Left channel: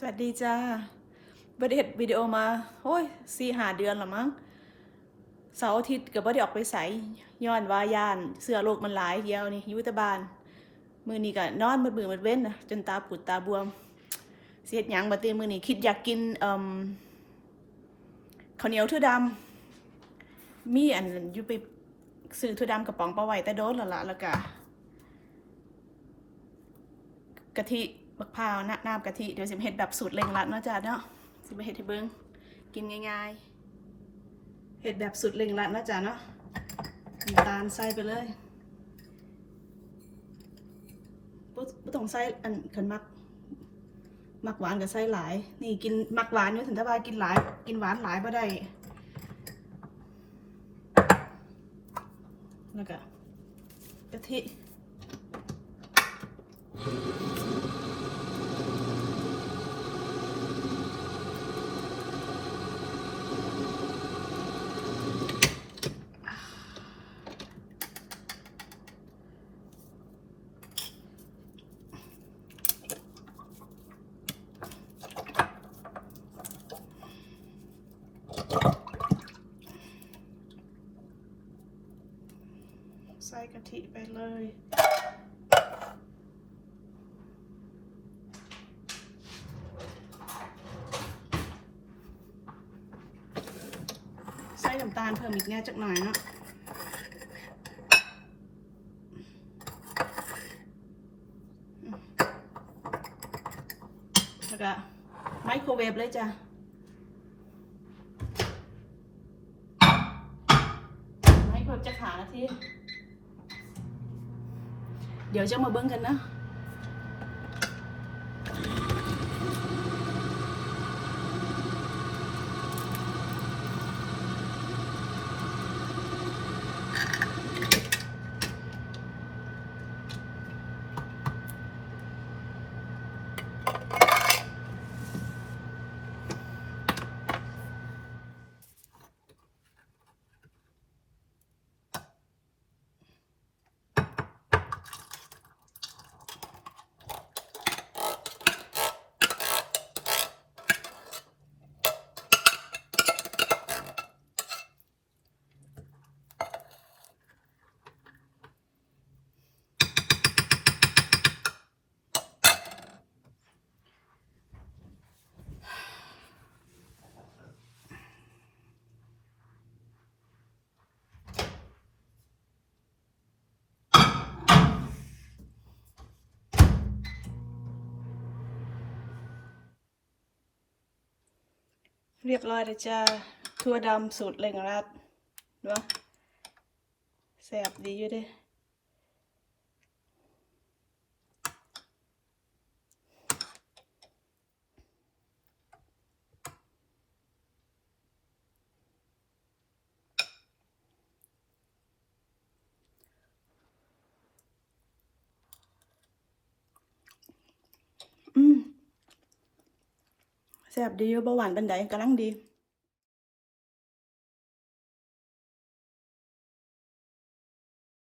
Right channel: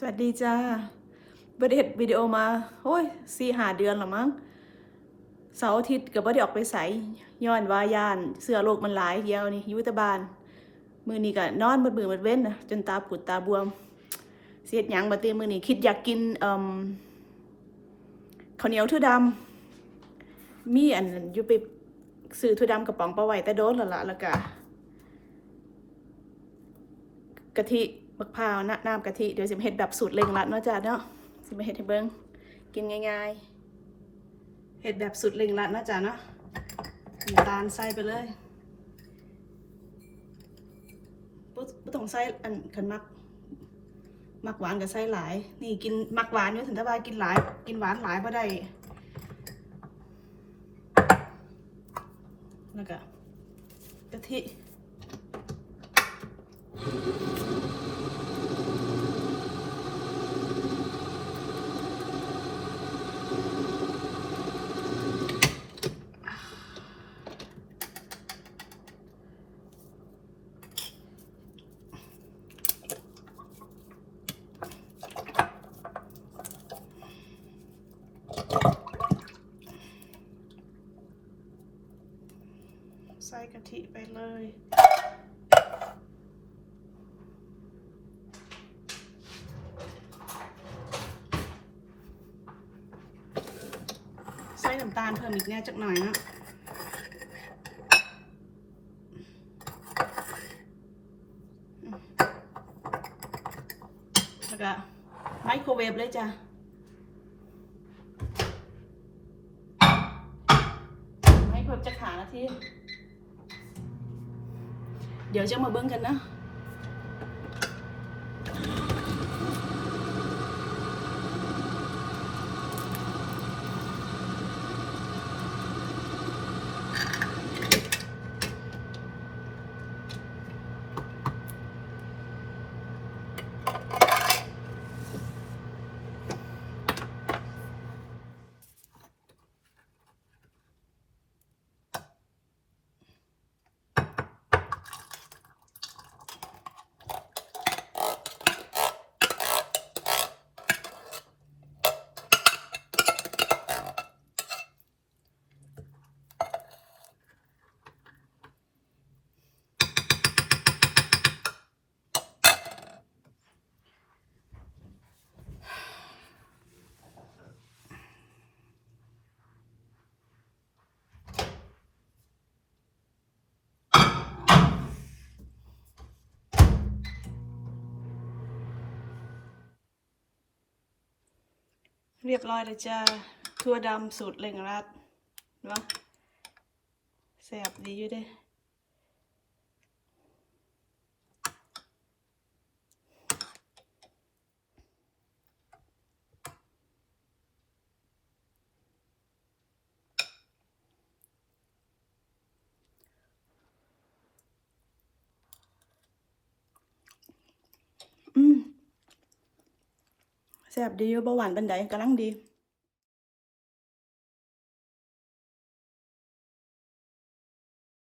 สวัสดีจ้าบไดเฮ็ดวิดีโอมา โอ้ยสี่หาเดือนละมั้ง เสาร์อาทิตย์ก็บ่ได้ออกไปใสย้อนว่ายาน เสื้อโลกมันหลายเดียวนี่ยู่แต่บ้านมื้อนี้ก็นอนบดมือบิดเว้นนะจนตาปูดตาบวม เสียดหยังบัดเตมือนี้คิดอยากกินเอ่มข้าวเหนียวถั่วดำมีอันอยู่ไปซื้อถั่วดำกระป๋องปลาไว้แต่โดนแล้วละแล้วก็กะทิ มะพร้าวน้ำน้ำกะทิ เดี๋ยวสิมเฮ็ดแบบสูตรเร่งรัดเนาะจ้าเนาะสิมาเฮ็ดให้เบิ่งกินง่ายๆเฮ็ดแบบสูตรเร่งรัดเนาะจ้าเนาะน้ำตาลใส่ไปเลยบ่บ่ต้องใส่อันคันมักมักหวานก็ใส่หลาย นี่กินมักหวานอยู่ถึงถ้าว่ากินหลาย กินหวานหลายบ่ได้แล้วก็กะทิ ใส่กะทิไปเลย ใส่น้ำตาลเพิ่มอีกแน่จักหน่อยเนาะแล้วก็ไมโครเวฟเลยจ้ะไม่เพิ่มจะขานาที เดี๋ยวจะ เรียบร้อยเลยจ้าทั่วดำสูตรเร่งรัดเนาะแสบดีอยู่เด้อืม แซ่บดีอยู่เบาหวานบันไดกำลังดี